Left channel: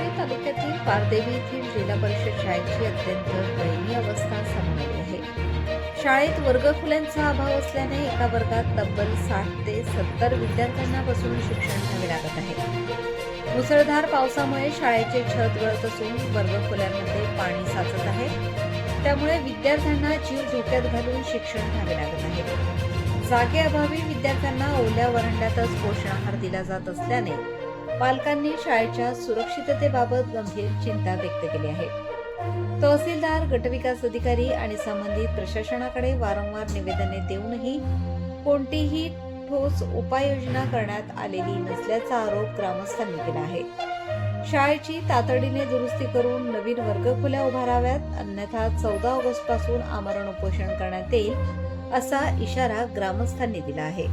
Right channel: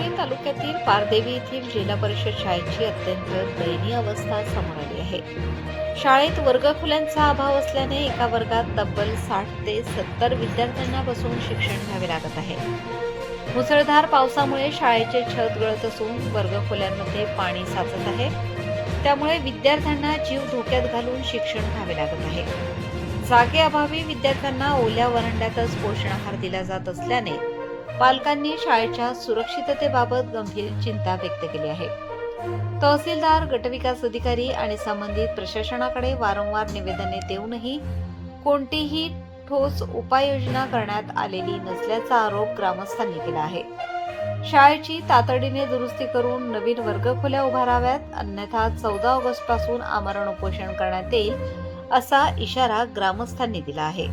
राहुरी तालुक्यातील पारदेवी येथील जिल्हा परिषद शाळेची अत्यंत दयनीय अवस्था समोर आली आहे। शाळेत वर्गखोल्यांचा अभाव असल्याने एका वर्गात तब्बल 60 ते 70 विद्यार्थ्यांना बसून शिक्षण घ्यावे लागत आहे। मुसळधार पावसामुळे शाळेचे छत गळत असून वर्गखोल्यांमध्ये पाणी साचत आहे। त्यामुळे विद्यार्थ्यांना जीव धोक्यात घालून शिक्षण घ्यावे लागत आहे। जागेअभावी विद्यार्थ्यांना ओल्या वरांड्यातच पोषण आहार दिला जात असल्याने पालकांनी शाळेच्या सुरक्षिततेबाबत गंभीर चिंता व्यक्त केली आहे। तहसीलदार, गटविकास अधिकारी आणि संबंधित प्रशासनाकडे वारंवार निवेदने देऊनही कोणतीही ठोस उपाययोजना करण्यात आलेली नसल्याचा आरोप ग्रामस्थांनी केला आहे। शाळेची तातडीने दुरुस्ती करून नवीन वर्गखोल्या उभाराव्यात, अन्यथा 14 ऑगस्ट पासून आमरण उपोषण करण्यात येईल असा इशारा ग्रामस्थांनी दिला आहे।